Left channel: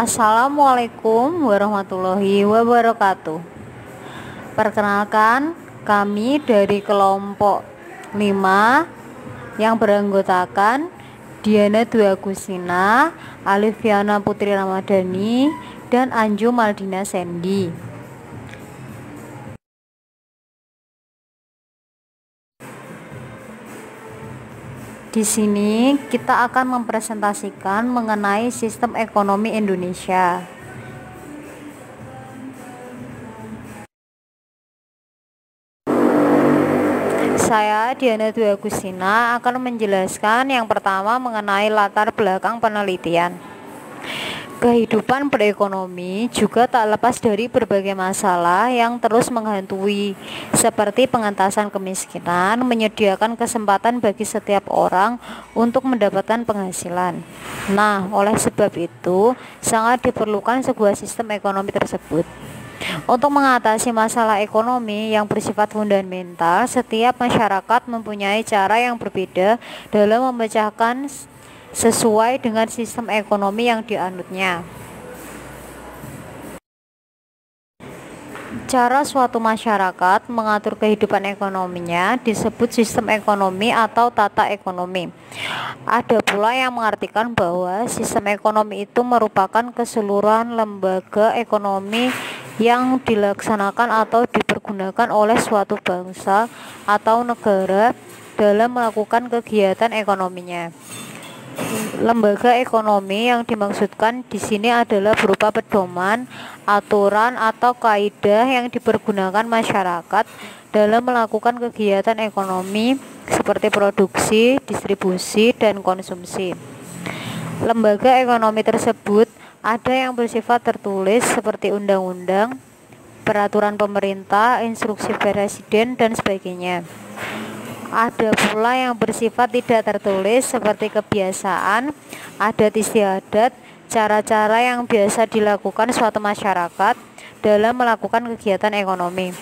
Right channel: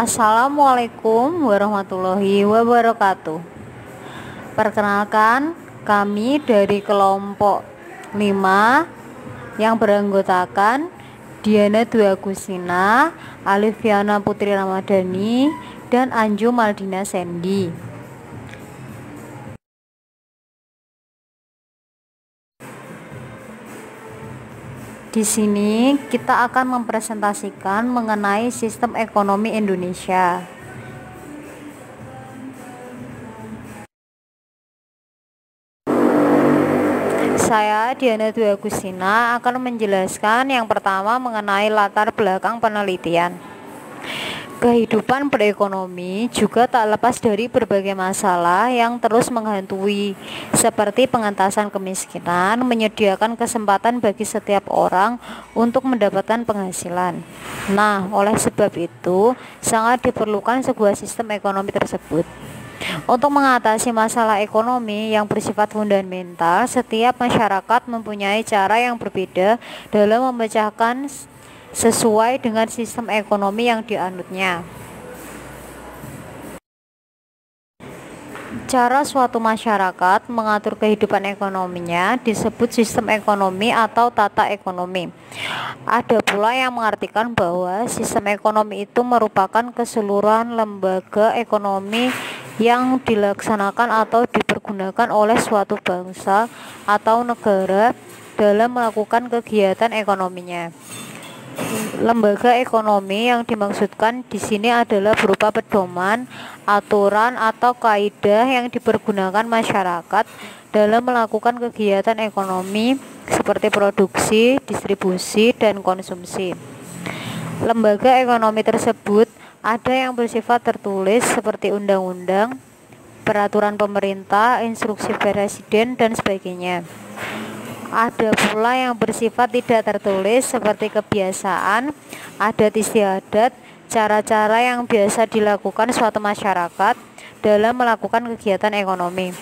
Assalamualaikum warahmatullahi wabarakatuh. Perkenalkan, kami dari kelompok 5 yang beranggotakan Diana Dwi Agustina, Alifiana Putri Ramadhani, dan Anju Maldina Sandy. Di sini kita akan mempresentasikan mengenai sistem ekonomi Indonesia. Saya Diana Dwi Agustina akan menjelaskan yang pertama mengenai latar belakang penelitian. Kehidupan berekonomi juga tak lepas dari berbagai masalah yang terus menghantui, seperti pengentasan kemiskinan, menyediakan kesempatan bagi setiap orang untuk mendapatkan penghasilan. Nah, oleh sebab itu, sangat diperlukan sebuah sistem ekonomi tersebut. Untuk mengatasi masalah ekonomi yang bersifat fundamental, setiap masyarakat mempunyai cara yang berbeda dalam memecahkan sesuai dengan sistem ekonomi yang dianutnya. Cara suatu masyarakat mengatur kehidupan ekonominya disebut sistem ekonomi atau tata ekonomi. Ada pula yang mengartikan bahwa sistem ekonomi itu merupakan keseluruhan lembaga ekonomi yang dilaksanakan atau dipergunakan oleh suatu bangsa atau negara dalam melakukan kegiatan ekonominya. Lembaga ekonomi yang dimaksudkan di sini adalah berupa pedoman, aturan atau kaidah yang dipergunakan masyarakat dalam melakukan kegiatan ekonomi seperti produksi, distribusi, dan konsumsi. Lembaga ekonomi tersebut ada yang bersifat tertulis seperti undang-undang, peraturan pemerintah, instruksi presiden, dan sebagainya. Ada pula yang bersifat tidak tertulis seperti kebiasaan, adat istiadat, cara-cara yang biasa dilakukan suatu masyarakat dalam melakukan kegiatan ekonomi.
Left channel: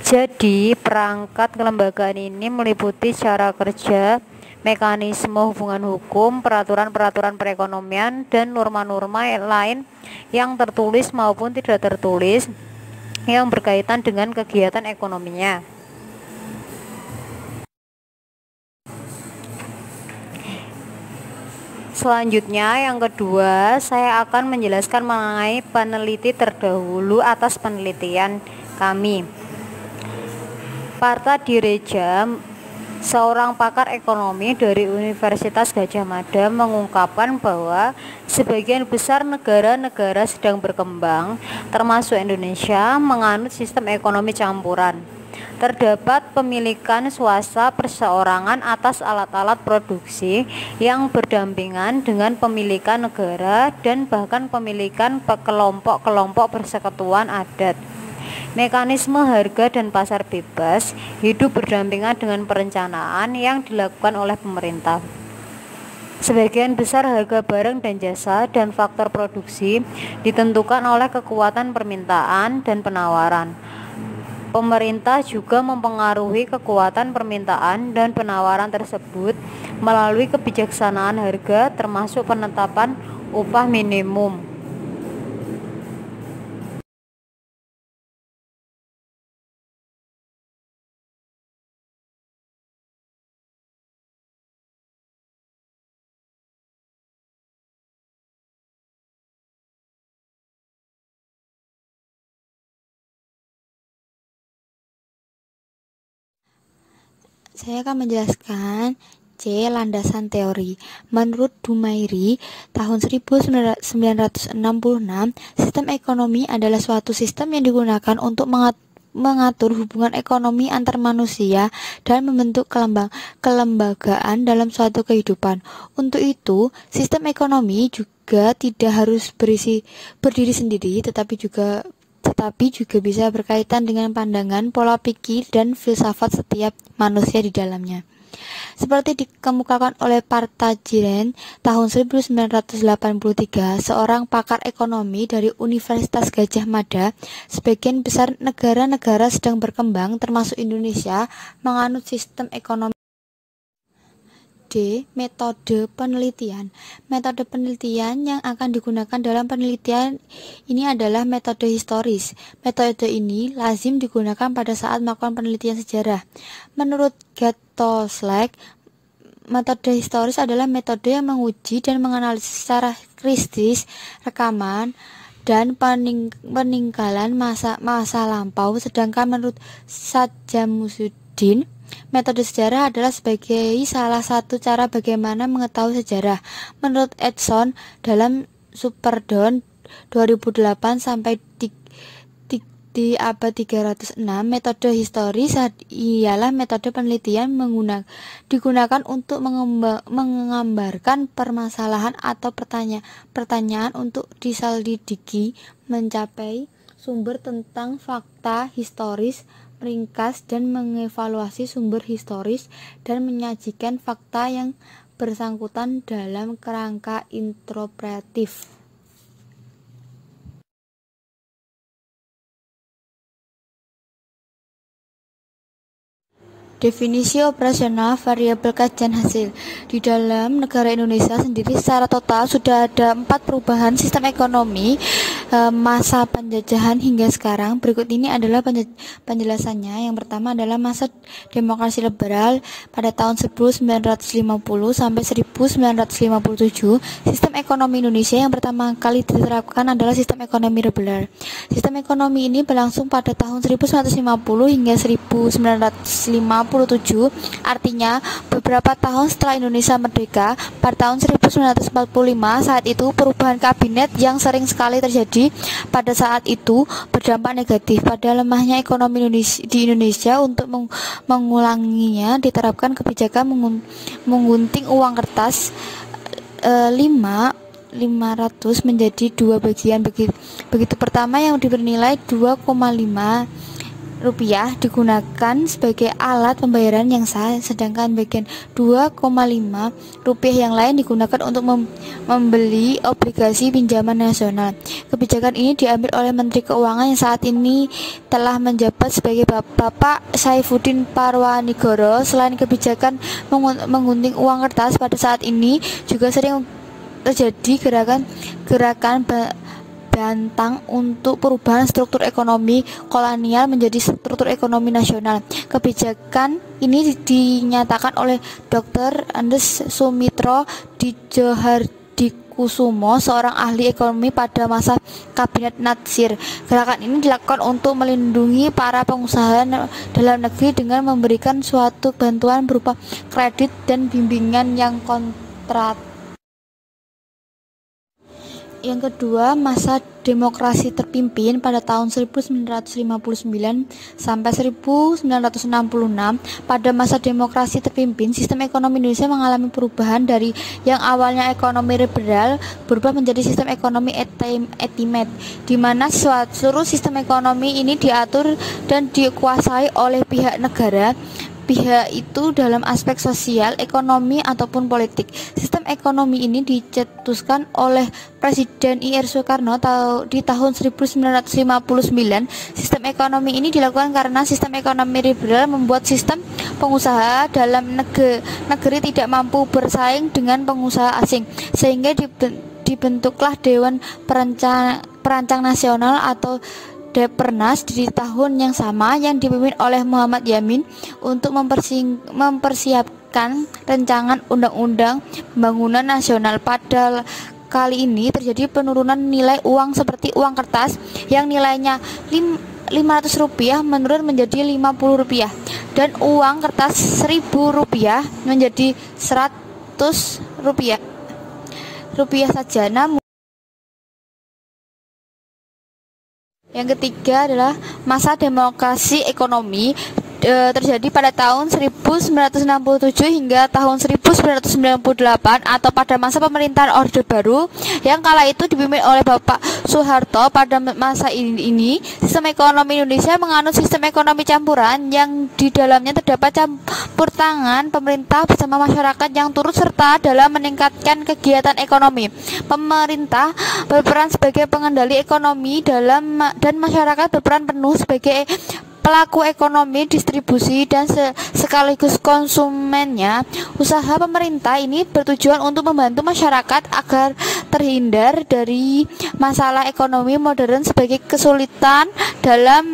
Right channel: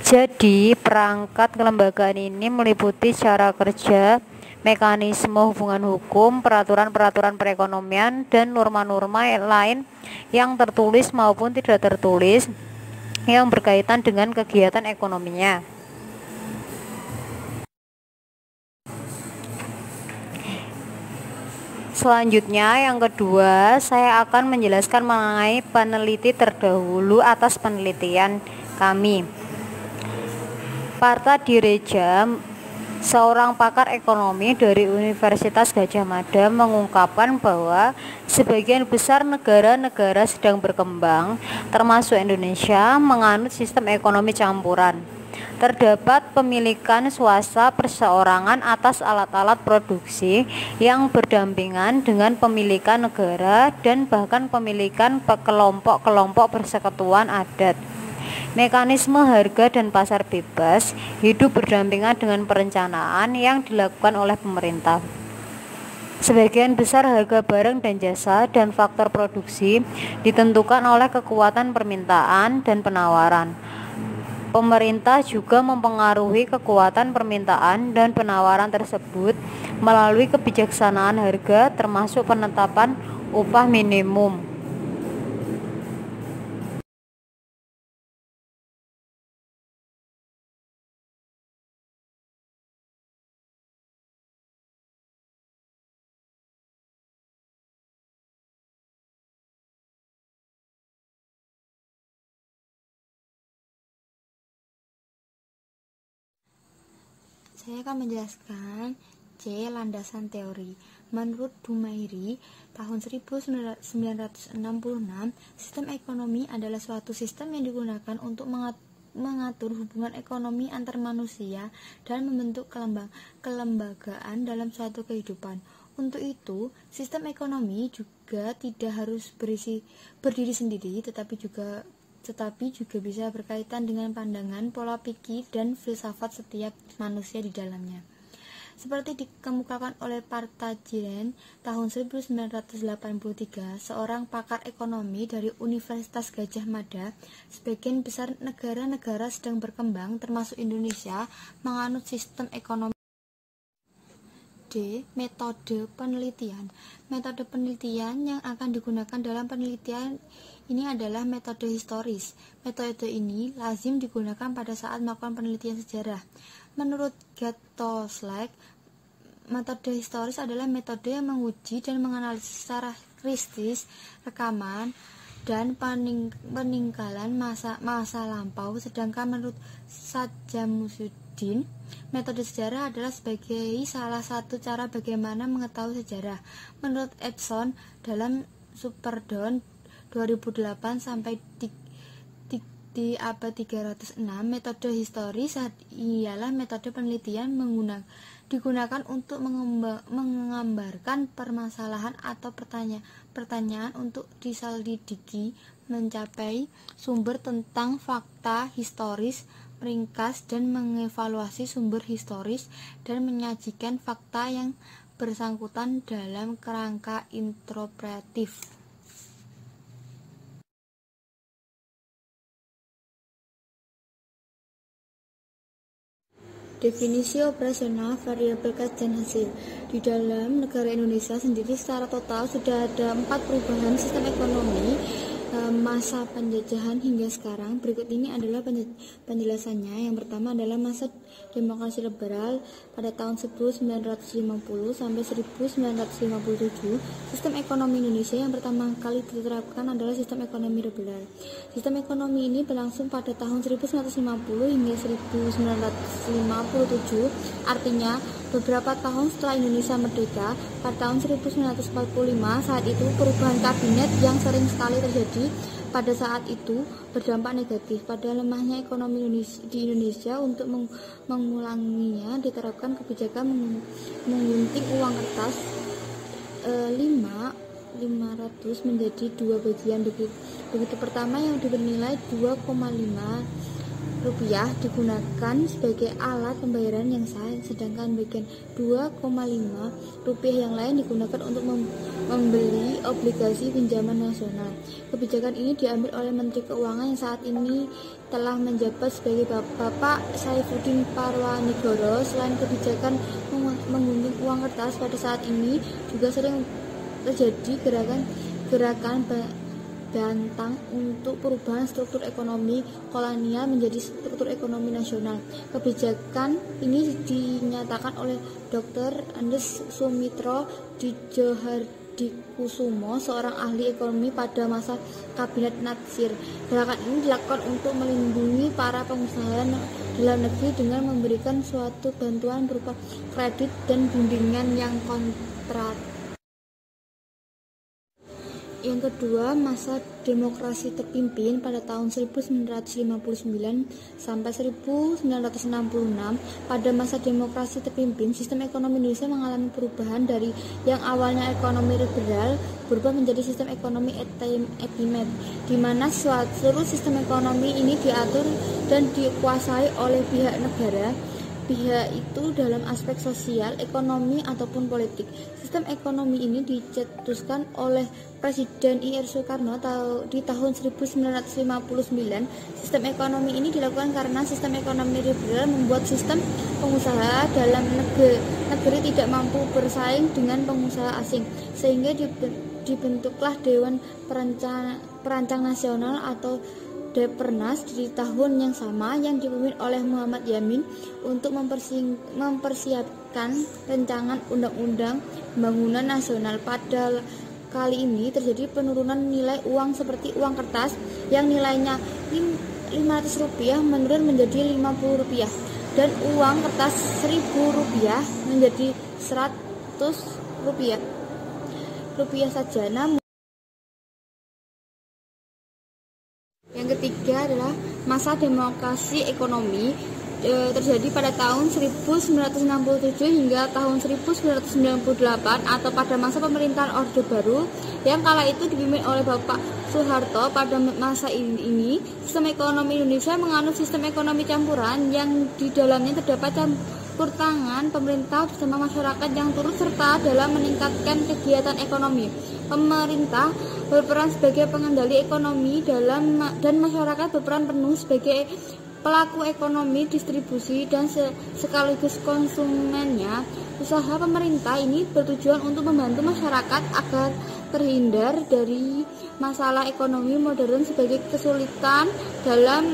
Jadi, perangkat kelembagaan ini meliputi cara kerja, mekanisme hubungan hukum, peraturan-peraturan perekonomian, dan norma-norma lain yang tertulis maupun tidak tertulis yang berkaitan dengan kegiatan ekonominya. Selanjutnya, yang kedua, saya akan menjelaskan mengenai peneliti terdahulu atas penelitian kami. Parta Direja, seorang pakar ekonomi dari Universitas Gadjah Mada, mengungkapkan bahwa sebagian besar negara-negara sedang berkembang, termasuk Indonesia, menganut sistem ekonomi campuran. Terdapat pemilikan swasta perseorangan atas alat-alat produksi yang berdampingan dengan pemilikan negara dan bahkan pemilikan kelompok-kelompok persekutuan adat. Mekanisme harga dan pasar bebas hidup berdampingan dengan perencanaan yang dilakukan oleh pemerintah. Sebagian besar harga barang dan jasa dan faktor produksi ditentukan oleh kekuatan permintaan dan penawaran. Pemerintah juga mempengaruhi kekuatan permintaan dan penawaran tersebut melalui kebijaksanaan harga termasuk penetapan upah minimum. Saya akan menjelaskan landasan teori. Menurut Dumairi, tahun 1966, sistem ekonomi adalah suatu sistem yang digunakan untuk mengatur hubungan ekonomi antar manusia dan membentuk kelembagaan dalam suatu kehidupan. Untuk itu, sistem ekonomi juga tidak harus berdiri sendiri, tetapi juga bisa berkaitan dengan pandangan, pola pikir, dan filsafat setiap manusia di dalamnya. Seperti dikemukakan oleh Partajiren tahun 1983, seorang pakar ekonomi dari Universitas Gadjah Mada, sebagian besar negara-negara sedang berkembang, termasuk Indonesia, menganut sistem ekonomi. Metode penelitian. Metode penelitian yang akan digunakan dalam penelitian ini adalah metode historis. Metode ini lazim digunakan pada saat melakukan penelitian sejarah. Menurut Gattoslek, metode historis adalah metode yang menguji dan menganalisis secara kritis rekaman dan peninggalan masa lampau. Sedangkan menurut Sadjamuddin, metode sejarah adalah sebagai salah satu cara bagaimana mengetahui sejarah. Menurut Edson dalam Superdon 2008 sampai di abad 306, metode historis ialah metode penelitian digunakan untuk menggambarkan permasalahan atau pertanyaan untuk diselidiki, mencapai sumber tentang fakta historis, meringkas dan mengevaluasi sumber historis, dan menyajikan fakta yang bersangkutan dalam kerangka interpretatif. Definisi operasional variabel kajian hasil. Di dalam negara Indonesia sendiri secara total sudah ada 4 perubahan sistem ekonomi masa penjajahan hingga sekarang. Berikut ini adalah penjelasannya. Yang pertama adalah masa demokrasi liberal pada tahun 1950 sampai 1957. Sistem ekonomi Indonesia yang pertama kali diterapkan adalah sistem ekonomi liberal. Sistem ekonomi ini berlangsung pada tahun 1950 hingga 1957. Artinya beberapa tahun setelah Indonesia merdeka pada tahun 1945. Saat itu perubahan kabinet yang sering sekali terjadi pada saat itu berdampak negatif pada lemahnya ekonomi di Indonesia. Untuk mengulanginya diterapkan kebijakan menggunting uang kertas 500 menjadi 2 bagian. Begitu pertama yang bernilai 2,5 rupiah digunakan sebagai alat pembayaran yang sah, sedangkan bagian 2,5 rupiah yang lain digunakan untuk membeli obligasi pinjaman nasional. Kebijakan ini diambil oleh Menteri Keuangan yang saat ini telah menjabat sebagai Bapak Saifuddin Parwanigoro. Selain kebijakan menggunting uang kertas, pada saat ini juga sering terjadi gerakan bantang untuk perubahan struktur ekonomi kolonial menjadi struktur ekonomi nasional. Kebijakan ini dinyatakan oleh Dr. Andes Sumitro Djahardikusumo, seorang ahli ekonomi pada masa Kabinet Natsir. Gerakan ini dilakukan untuk melindungi para pengusaha dalam negeri dengan memberikan suatu bantuan berupa kredit dan bimbingan yang kontrak. Yang kedua, masa demokrasi terpimpin pada tahun 1959 sampai 1966. Pada masa demokrasi terpimpin, sistem ekonomi Indonesia mengalami perubahan dari yang awalnya ekonomi liberal berubah menjadi sistem ekonomi etimet, di mana seluruh sistem ekonomi ini diatur dan dikuasai oleh pihak negara. Pihak itu dalam aspek sosial, ekonomi, ataupun politik. Sistem ekonomi ini dicetuskan oleh Presiden I.R. Soekarno di tahun 1959. Sistem ekonomi ini dilakukan karena sistem ekonomi liberal membuat sistem pengusaha dalam negeri tidak mampu bersaing dengan pengusaha asing, sehingga dibentuklah Dewan Perancang Nasional atau Depernas di tahun yang sama yang dipimpin oleh Muhammad Yamin untuk mempersiapkan rancangan undang-undang pembangunan nasional. Pada kali ini terjadi penurunan nilai uang seperti uang kertas yang nilainya 500 rupiah menurun menjadi 50 rupiah dan uang kertas 1000 rupiah menjadi 100 rupiah saja. Namun yang ketiga adalah masa demokrasi ekonomi terjadi pada tahun 1967 hingga tahun 1998 atau pada masa pemerintahan Orde Baru yang kala itu dipimpin oleh Bapak Soeharto. Pada masa ini sistem ekonomi Indonesia menganut sistem ekonomi campuran yang di dalamnya terdapat campur tangan pemerintah bersama masyarakat yang turut serta dalam meningkatkan kegiatan ekonomi. Pemerintah berperan sebagai pengendali ekonomi dan masyarakat berperan penuh sebagai pelaku ekonomi, distribusi, dan sekaligus konsumennya. Usaha pemerintah ini bertujuan untuk membantu masyarakat agar terhindar dari masalah ekonomi modern sebagai kesulitan dalam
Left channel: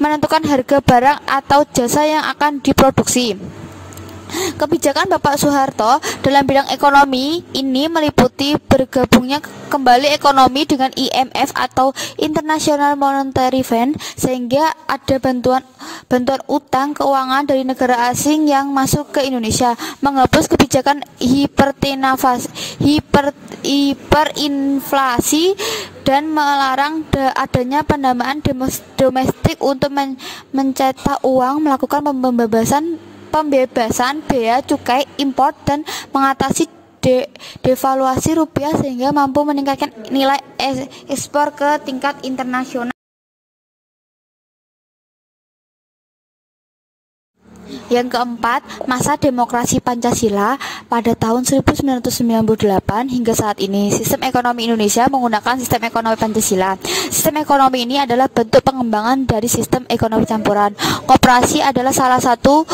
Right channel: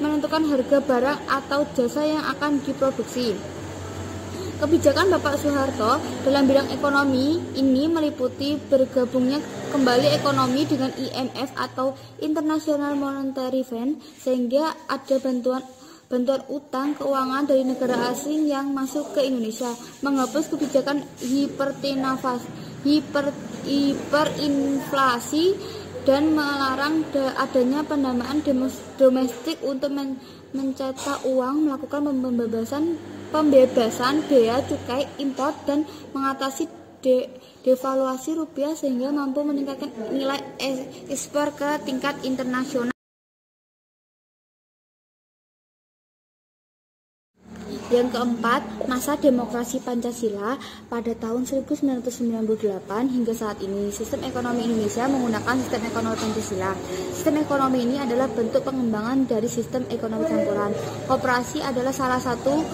menentukan harga barang atau jasa yang akan diproduksi. Kebijakan Bapak Soeharto dalam bidang ekonomi ini meliputi bergabungnya kembali ekonomi dengan IMF atau International Monetary Fund, sehingga ada bantuan utang keuangan dari negara asing yang masuk ke Indonesia, menghapus kebijakan hiperinflasi dan melarang adanya pendanaan domestik untuk mencetak uang, melakukan pembebasan bea cukai impor dan mengatasi devaluasi rupiah sehingga mampu meningkatkan nilai ekspor ke tingkat internasional. Yang keempat, masa demokrasi Pancasila pada tahun 1998 hingga saat ini. Sistem ekonomi Indonesia menggunakan sistem ekonomi Pancasila. Sistem ekonomi ini adalah bentuk pengembangan dari sistem ekonomi campuran. Koperasi adalah salah satu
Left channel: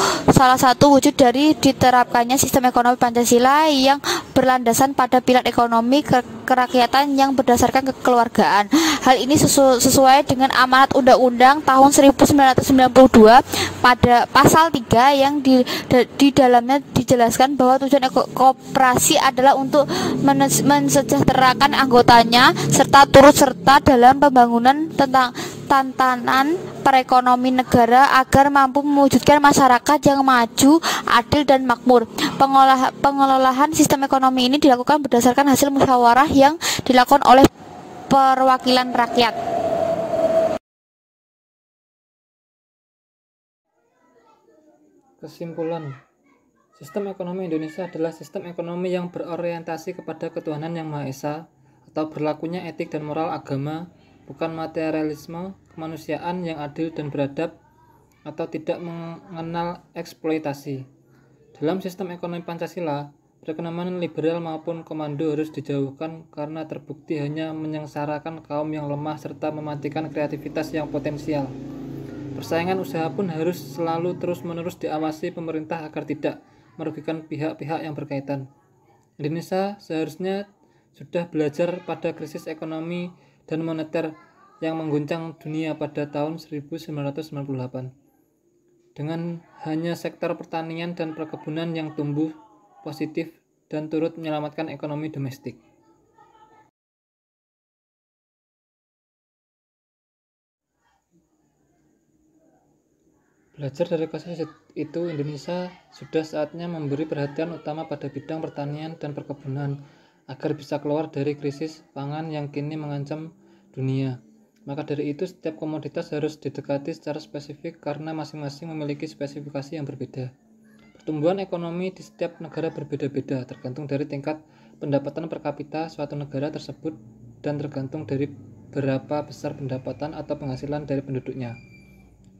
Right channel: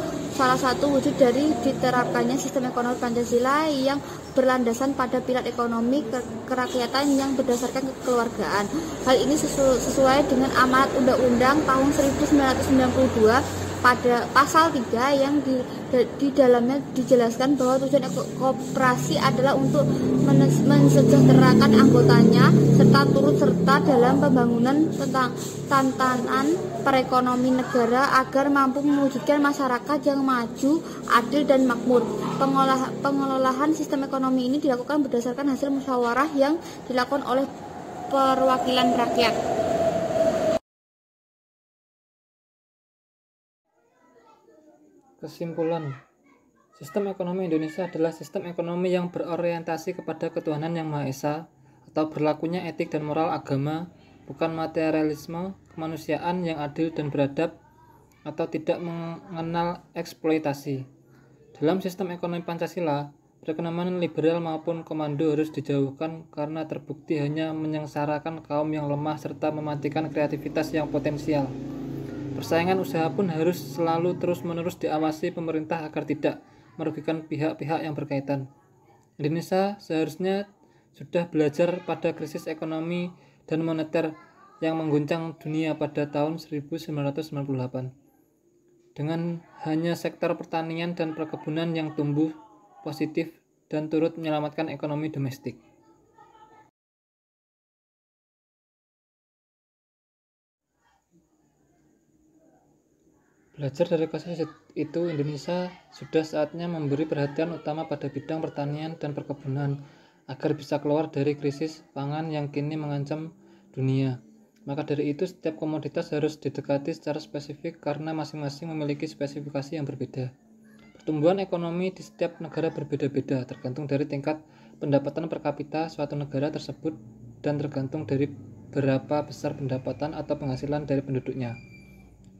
wujud dari diterapkannya sistem ekonomi Pancasila yang berlandasan pada pilar ekonomi kerakyatan yang berdasarkan kekeluargaan. Hal ini sesuai dengan amanat Undang-Undang tahun 1992 pada pasal 3 yang di dalamnya dijelaskan bahwa tujuan koperasi adalah untuk mensejahterakan anggotanya serta turut serta dalam pembangunan tantangan perekonomian negara agar mampu mewujudkan masyarakat yang maju, adil dan makmur. Pengelolaan sistem ekonomi ini dilakukan berdasarkan hasil musyawarah yang dilakukan oleh perwakilan rakyat. Kesimpulan, sistem ekonomi Indonesia adalah sistem ekonomi yang berorientasi kepada ketuhanan yang Maha Esa atau berlakunya etik dan moral agama, bukan materialisme, kemanusiaan yang adil dan beradab, atau tidak mengenal eksploitasi. Dalam sistem ekonomi Pancasila, perekonomian liberal maupun komando harus dijauhkan karena terbukti hanya menyengsarakan kaum yang lemah serta mematikan kreativitas yang potensial. Persaingan usaha pun harus selalu terus-menerus diawasi pemerintah agar tidak merugikan pihak-pihak yang berkaitan. Indonesia seharusnya sudah belajar pada krisis ekonomi dan moneter yang mengguncang dunia pada tahun 1998. Dengan hanya sektor pertanian dan perkebunan yang tumbuh positif dan turut menyelamatkan ekonomi domestik. Belajar dari kasus itu, Indonesia sudah saatnya memberi perhatian utama pada bidang pertanian dan perkebunan agar bisa keluar dari krisis pangan yang kini mengancam dunia. Maka dari itu, setiap komoditas harus didekati secara spesifik karena masing-masing memiliki spesifikasi yang berbeda. Pertumbuhan ekonomi di setiap negara berbeda-beda, tergantung dari tingkat pendapatan per kapita suatu negara tersebut dan tergantung dari berapa besar pendapatan atau penghasilan dari penduduknya.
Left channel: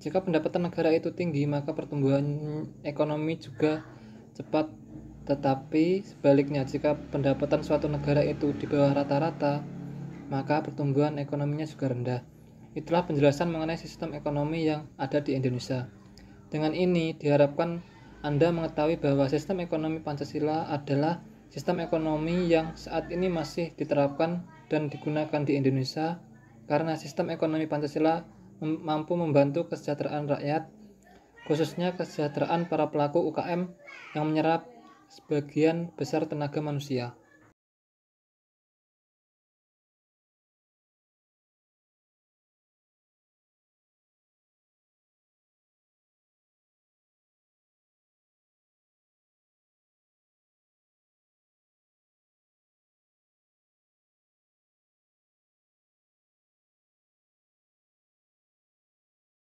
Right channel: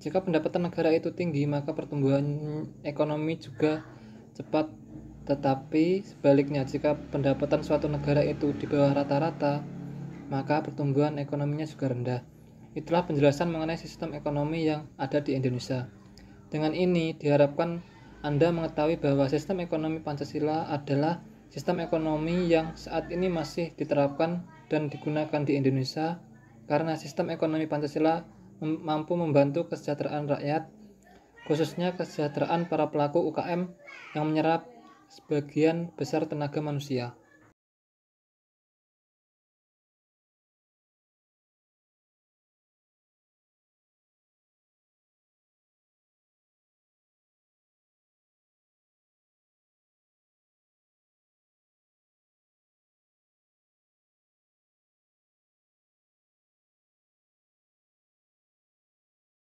Jika pendapatan negara itu tinggi, maka pertumbuhan ekonomi juga cepat. Tetapi sebaliknya, jika pendapatan suatu negara itu di bawah rata-rata, maka pertumbuhan ekonominya juga rendah. Itulah penjelasan mengenai sistem ekonomi yang ada di Indonesia. Dengan ini, diharapkan Anda mengetahui bahwa sistem ekonomi Pancasila adalah sistem ekonomi yang saat ini masih diterapkan dan digunakan di Indonesia karena sistem ekonomi Pancasila mampu membantu kesejahteraan rakyat, khususnya kesejahteraan para pelaku UKM yang menyerap sebagian besar tenaga manusia.